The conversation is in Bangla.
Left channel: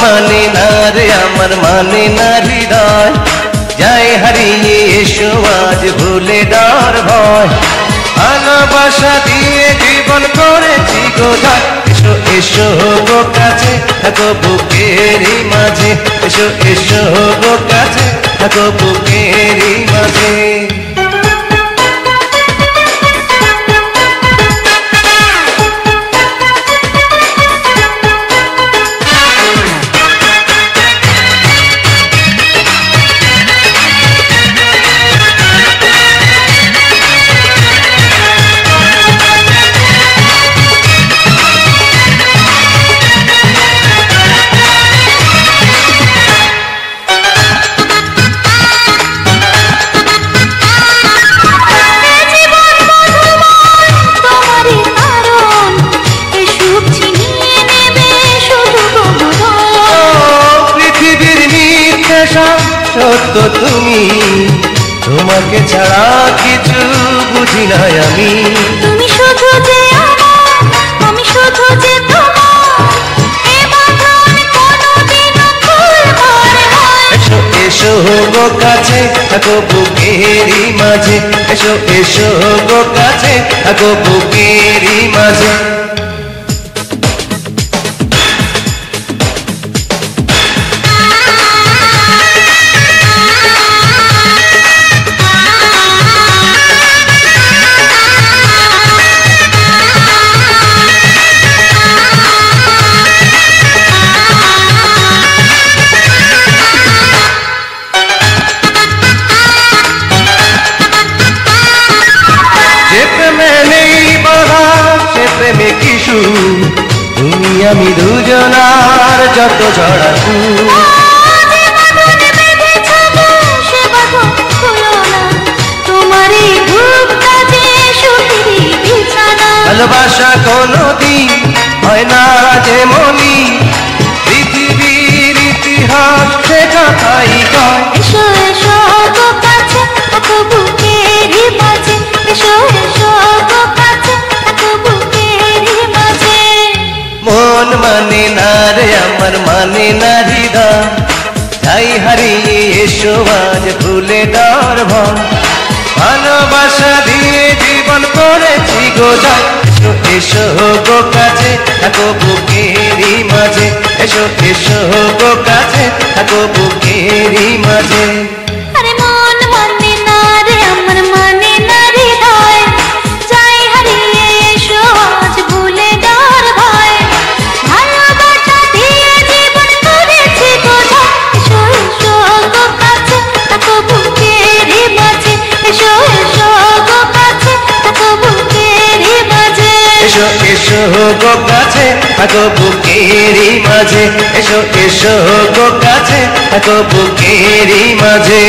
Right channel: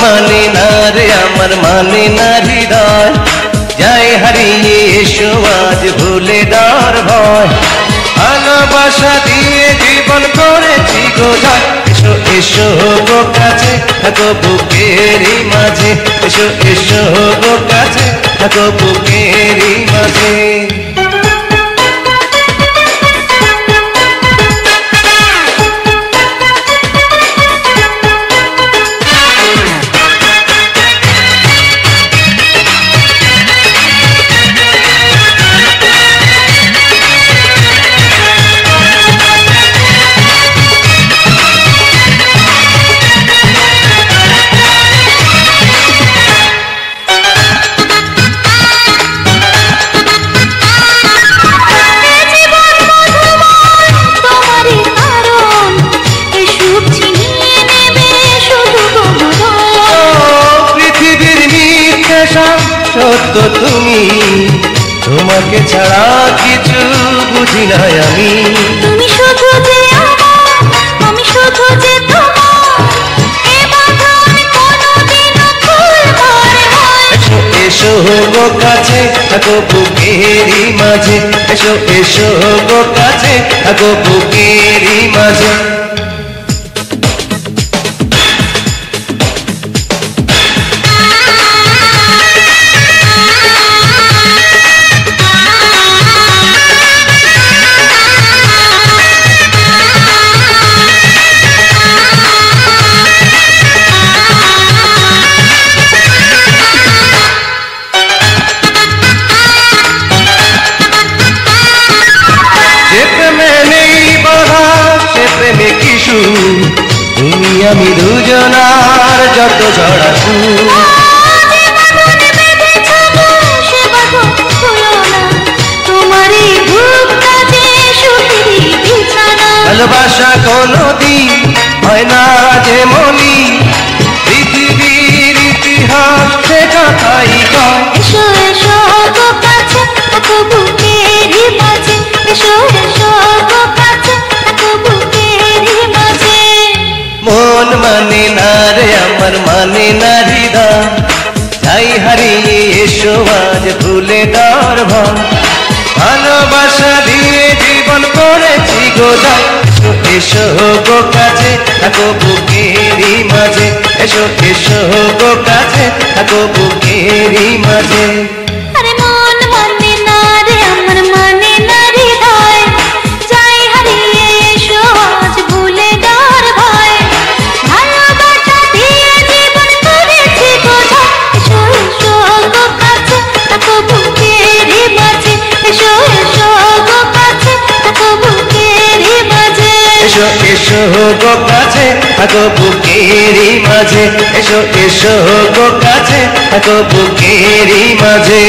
মানে না রে আমার মানে না হৃদয়, যাই হারিয়ে এসো আজ ভুলে দেওয়ার ভয়। ভালোবাসা দিয়ে জীবন করেছি গোঝায়, এসো এসো গো কাছে থাকো বুকেরই মাঝে, এসো এসো গো কাছে থাকো বুকেরই মাঝে। সত্য তুমি, তোমাকে ছাড়া কিছু বুঝি না আমি। তুমি শুধু যে আমার, আমি শুধু যে তোমার, এ বাঁধন কোনোদিনও খুলবার হয়। এসো এসো গো কাছে থাকো বুকেরই মাঝে, এসো এসো গো কাছে থাকো বুকেরই মাঝে। প্রেমে কিশু তুমি আমি দুজনার যত জড়া ভালোবাসা কোনদিন হয় না যেমনি, পৃথিবীর ইতিহাস সেটা তাই কয়। এসো এসো গো কাছে থাকো বুকেরই মাঝে, এসো এসো গো কাছে থাকো বুকেরই মাঝে। মন মানে না রে আমার মানে না হৃদয়, যাই হারিয়ে এসো আজ ভুলে দেওয়ার ভয়। ভালোবাসা দিয়ে জীবন করেছি গোদায়, এসো এসো গো কাছে থাকো বুকেরই মাঝে, এসো এসো গো কাছে থাকো বুকেরই মাঝে। আরে মন মানে না রে আমার মানে না হৃদয়, যাই হারিয়ে এসো আজ ভুলে দেওয়ার ভয়। ভালোবাসা দিয়ে জীবন করেছি গোদায়, এসো এসো গো কাছে থাকো বুকেরই মাঝে, এসো এসো গো কাছে থাকো বুকেরই মাঝে। এসো এসো গো কাছে থাকো বুকেরই মাঝে, এসো এসো গো কাছে থাকো বুকেরই মাঝে।